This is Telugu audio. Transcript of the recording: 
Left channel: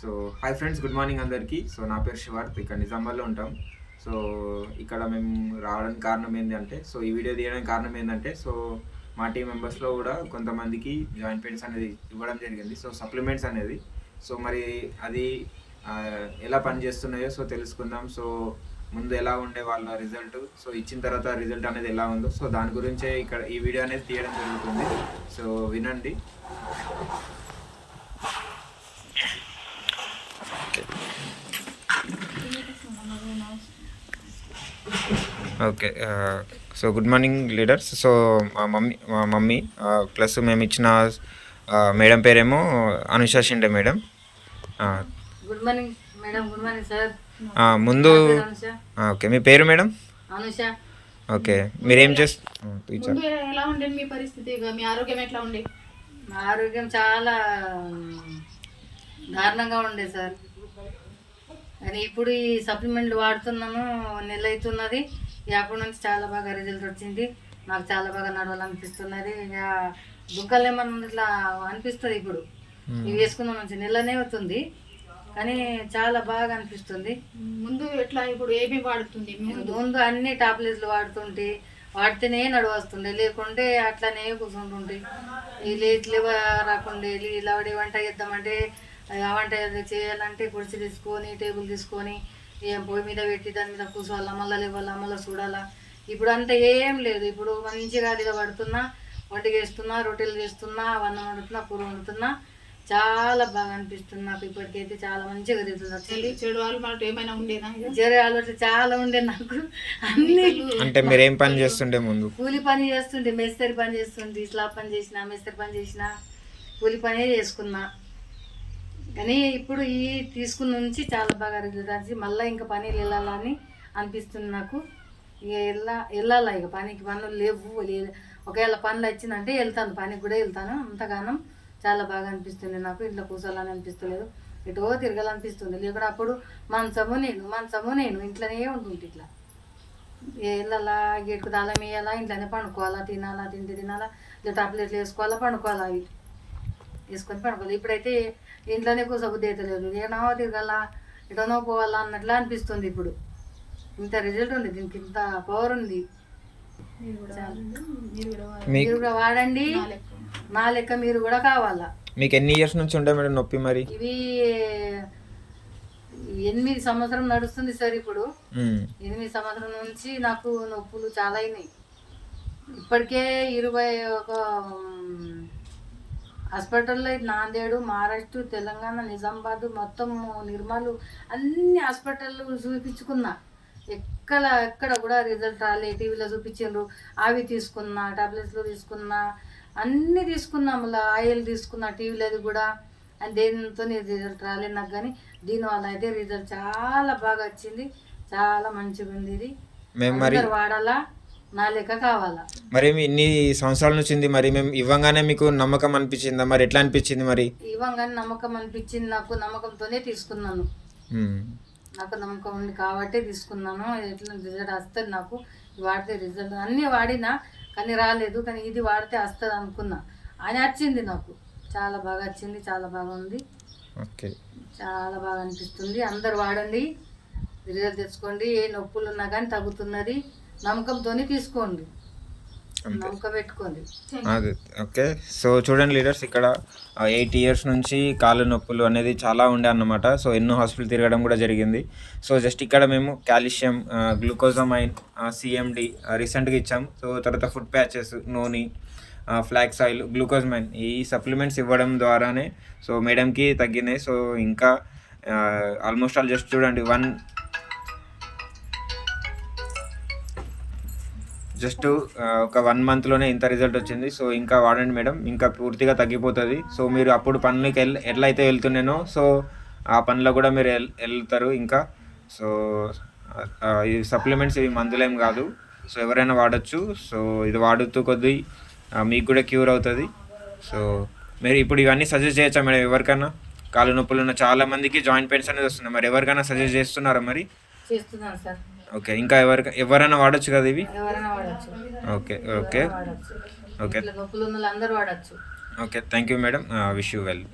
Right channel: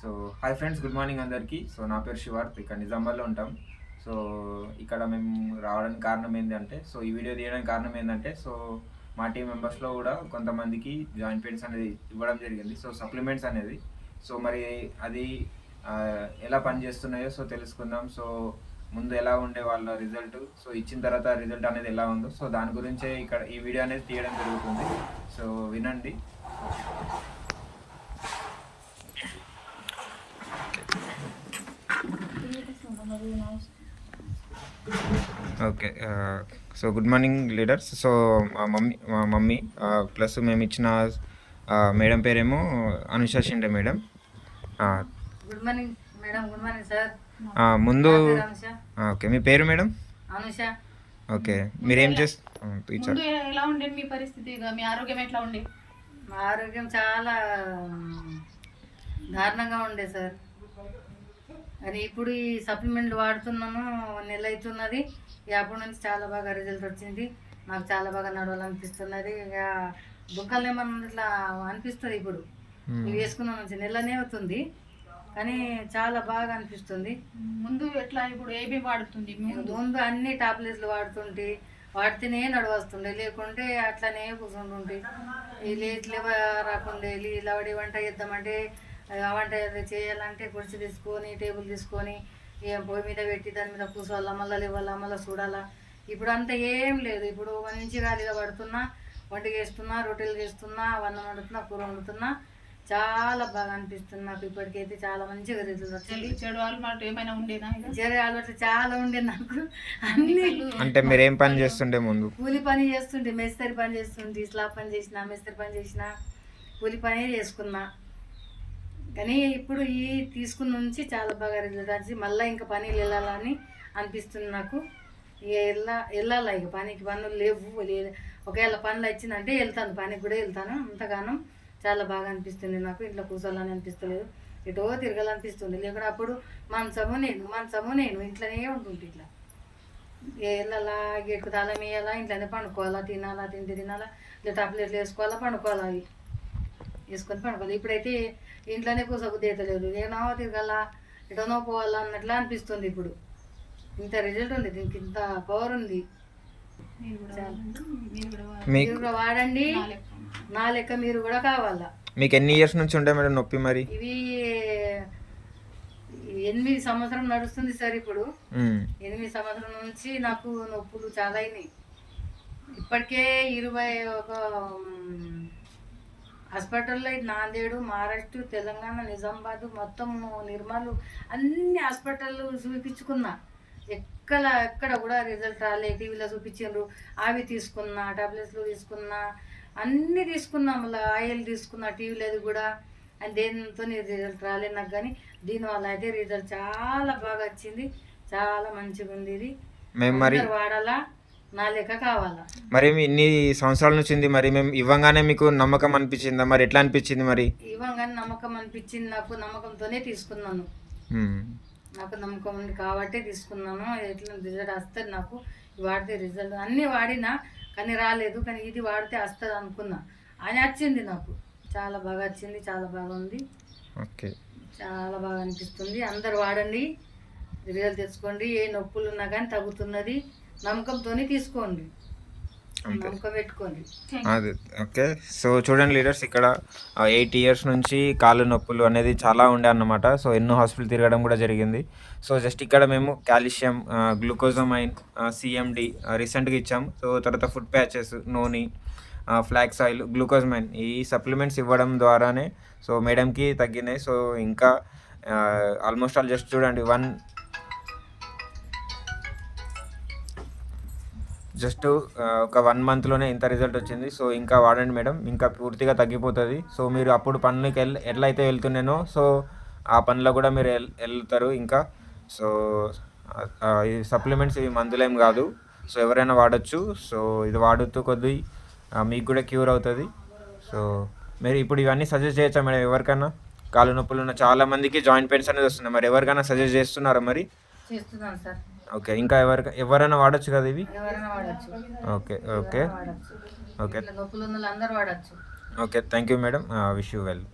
So hi friends, good morning అందరికీ. సో నా పేరు శివార్త్, ఇక్కడ నిజామాబాద్లో ఉంటాం. సో ఇక్కడ మేము రావడానికి కారణం ఏంటంటే, సో ఈ వీడియో తీయడానికి కారణం ఏంటంటే, సో మా టీం మెంబర్స్లో కూడా కొంతమందికి జాయింట్ పెయిన్స్ అనేది ఇవ్వడం జరిగింది. సో సప్లిమెంట్స్ అనేది సో మరి అది ఎలా పనిచేస్తున్నాయో సో తెలుసుకుందాం. సో ముందు ఎలా ఉండే వాళ్ళ రిజల్ట్, సో ఇచ్చిన తర్వాత రిజల్ట్ అనేది ఎలా ఉందో, సో దాని గురించే ఇక్కడ ఈ వీడియో అనేది తీయడం జరుగుతుంది. సో వినండి. Okay, so good morning leaders. So మా మమ్మీ ప్లస్ మేము ఇచ్చిన మేడం పేరేమో Anusha Shinde madam. Good morning madam. Good morning sir. ముందు ఓకే, మీ పేరు మేడం? అనుష. ఓకే, మీరేం చేస్తారు? ఎలా ఉండే మీ పరిస్థితి, మీ ఆరోగ్యం ఎట్లా ఉండే? మా ఆరోగ్యం చాలా దారుణంగా ఉండే సార్. కానీ ఇప్పుడు ఈ సప్లిమెంట్లు వాడుతున్నాను, నెల అవుతున్నది. అప్పటి నుంచి చాలా బాగా రిజల్ట్ వచ్చింది. నాకు చాలా బాగా నడవాలనిపిస్తున్నది. ఇక దుఃఖాలు ఏమన్నా ఇట్లా అనిపిస్తుంది. ఇప్పుడు ఇవి వేసుకున్న నుంచి నెలనే అవుతుంది, కానీ చాలా బాగా అనిపిస్తుంది. ముందు ఎట్లా, ఇప్పుడు ఏమీ వాడుతుంది? ముందు అన్ని టాబ్లెట్లు వాడుతుంటే వాడితేనే నడవస్తుండే, లేకుంటే అట్లానే కూర్చుంటుంటే ఇట్లా రాకుండే. ఇలా వంట చేద్దామంటే ఆ వంట చేయాలంటే కుర్చీ తీసుకొని టేబుల్ తీసుకొని ఏం పొయ్యి మీద పెట్టి దాని మీద కూర్చోవాలా, మళ్ళీ లేవాలా, మళ్ళీ చూడాలా. ఇప్పుడు అంతా ఏం లేదు. ఇప్పుడు మంచిగా అదిగా పడుతున్నా, వంట చేస్తున్నా, రొట్టెలు చేస్తున్నా, అన్నం వండుతున్నా, కూర వండుతున్నా. చాలా బాగా అనిపిస్తుంది నాకు. ఇప్పటికైతే చాలా మంచిగా రిజల్ట్ వచ్చింది. చెడు అలవాటు ఏమైనా ఉండేనా? చెడు అలవాట్లు చాలా ఉండే నాకు. అన్ని అంటే మీరు ఏం పని చేస్తుండే? ముందు కూలి పని చేస్తుండే, మేస్త్రి పని చేస్తుండే. స్లాబ్ పని చేసిన, మేస్త్రి పని చేసిన, కూలి పని చేసుకున్నా. కానీ ఇప్పుడు ఈ తీసుకున్న నుంచి చాలా బాగా రిజల్ట్ వచ్చి మళ్ళీ ఇంకా పనులు వెళ్ళాలని అనిపిస్తుంది నాకు. వెళ్ళాలా ఇక పనికి. పనులు లేవు, ఒకవేళ పనులు వచ్చిందంటే వెళ్తాను, పనికి కూడా వెళ్తాను. అంతగానం చాలా బాగా అనిపిస్తుంది నాకు. ఇంట్లో కూర్చోాలని అనిపిస్తలేదు, ఎటో తిరగాలనిపిస్తుంది. లేకుండా అప్పుడు మంచము నేను ఇంట్లోనే ఉంటుంటే ఇట్లా వెళ్ళాలా, గేటుకు తాళం వేయాలా, ఇంట్లోనే పండుకోవాలా, తినాలా, తినాలా, లేదా టాబ్లెట్లు వేసుకోవాలా, పండుకోవాలా, అవి వేసుకొని పండుకోవాలి. ఇప్పుడైతే ఇంట్లోనే కూర్చోబుద్ధి అవుతలేదు. ఏనో తిరగాలా, ఎటోనో పోవాలా అన్నట్లా అనిపిస్తుంది. ఇప్పుడు ఇంత రిజల్ట్ ఉంది, దీనికి ఇంత పవర్ ఉంది. మీరు కూడా వాడండి, నా లెక్క మీరు కూడా కావాలా. మీకు ఎన్ని ఇయర్స్ నుంచి ఉండే మేడం నొప్పి? మరి ఇవి 8 సంవత్సరం నడుస్తుంది సార్. ఇప్పుడు 8 సంవత్సరం నుంచి నాకు నొప్పులు చాలా అయినాయి. ఇప్పటికే 21 హాస్పిటల్లో నాందేడు, మహారాష్ట్ర, తెలంగాణ, నిజామాబాద్, మొత్తం నిర్మల్ అన్ని హాస్పిటళ్ళు చూపించుకున్నా. ఎక్కడ కూడా రిజల్ట్ రాలే. టీవీలో చూపించిండ్రు, అవి తీసుకున్నా, టాబ్లెట్స్లు తీసుకున్నా, అన్నీ తీసుకున్నా, మళ్ళీ ఆయిల్ తీసుకున్నా టీవీలో కూడా. అని దేనితో రిజల్ట్ రాలేదు నాకు. కానీ దీనివల్ల అయితే రిజల్ట్ చాలా బాగా వచ్చింది, చాలా మంచిగా ఉంది. ఇది అందరూ వాడాలా, నా లెక్క కావాలా. మరి ఇన్ని సంవత్సరాల నుంచి ఉంది, మరి మేము ఇవ్వగానే మీకు నమ్మకం అనిపించిందా? మరి ఎట్లా అనిపించింది? మరి ఇవ్వగానే నమ్మకం అనిపించింది నాకు. నమ్మకంతోనే తీసుకున్నాను. నాకు నమ్మకం ఉంది కాబట్టి తీసుకున్నాను. ఎట్లా రిజల్ట్ వస్తుంది నాకు. వాడితే రిజల్ట్ అన్నీ వాడినా కానీ రాలేదు, కానీ ఇది వాడితే వస్తుంది అనుకున్నా, అని వచ్చింది నాకు. చాలా బాగా వచ్చింది, చాలా బాగా ఉంది. ఓకే, చాలా బాగా అనిపిస్తుంది. అందరు వాడండి, రిజల్ట్ తెచ్చుకోండి. ఏ నొప్పులు ఉన్నా కానీ తగ్గుతున్నది. నమ్మకంతోనే తీసుకోండి, నమ్మకం పెట్టుకోండి. అదే ఓకే. సో చూడండి లీడర్స్, ఇక్కడ 8 ఇయర్స్ నుంచి కాళ్ళు నొప్పులు అనేది చాలా ఉండే అన్నమాట. సో ఎన్నో హాస్పిటల్ తిరగడం కూడా జరిగింది. సో జస్ట్ ఇక్కడ మేము కాల్షియం, గ్లూకోజమైన్, సిఎండి రీసెంట్గా ఇచ్చాం. సో తర్వాత ఫుడ్ ప్యాచెస్, నూనె, ఫ్లాక్స్ ఆయిల్, గ్లూకోజమైన్ ఈ సప్లిమెంట్స్ ఇవ్వడం ద్వారానే సో మేడంకి తగ్గినాయి. సో ఇంకా ఆల్మోస్ట్ ఆల్ జస్ట్ చూడండి, ఒక 1 మంత్లోనే ఇంత రిజల్ట్ వచ్చింది. సో ఇంకా వాడండి మేడం, ఇంకా పూర్తిగా తగ్గిపోతుంది. సో మీరు అప్పుడు పనులకి ఎట్లయితే వెళ్తున్నానో సో ఆ పనిలో కూడా మీరు వెళ్తారు ఇంకా. సో ఈ సప్లిమెంట్స్ ఇవి మందులేం కాదు, సో ఎవరైనా వాడచ్చు. సో ఇది వాడుతూ కొద్దీ మీకు కూడా క్యూర్ అవుతుంది. సో మీరు ఇప్పుడు ఇవన్నీ సజెస్ట్ చేయొచ్చా మేడం ఎవరికైనా? కాళ్ళు నొప్పులు ఉన్న చాలా మందికి జాయింట్ పెయిన్స్ అనేది వస్తున్నాయి. మరి ఎవరికైనా సజెస్ట్ చేస్తున్నారా? మరి చేస్తున్నాను సార్. ఓకే, ఇంకా ఎవరైనా వాడచ్చు కదా ఇవి? ఓకే ఓకే ఓకే నొప్పులు ఉన్న అందరూ వాడచ్చు. Okay, thank you madam, wish you well.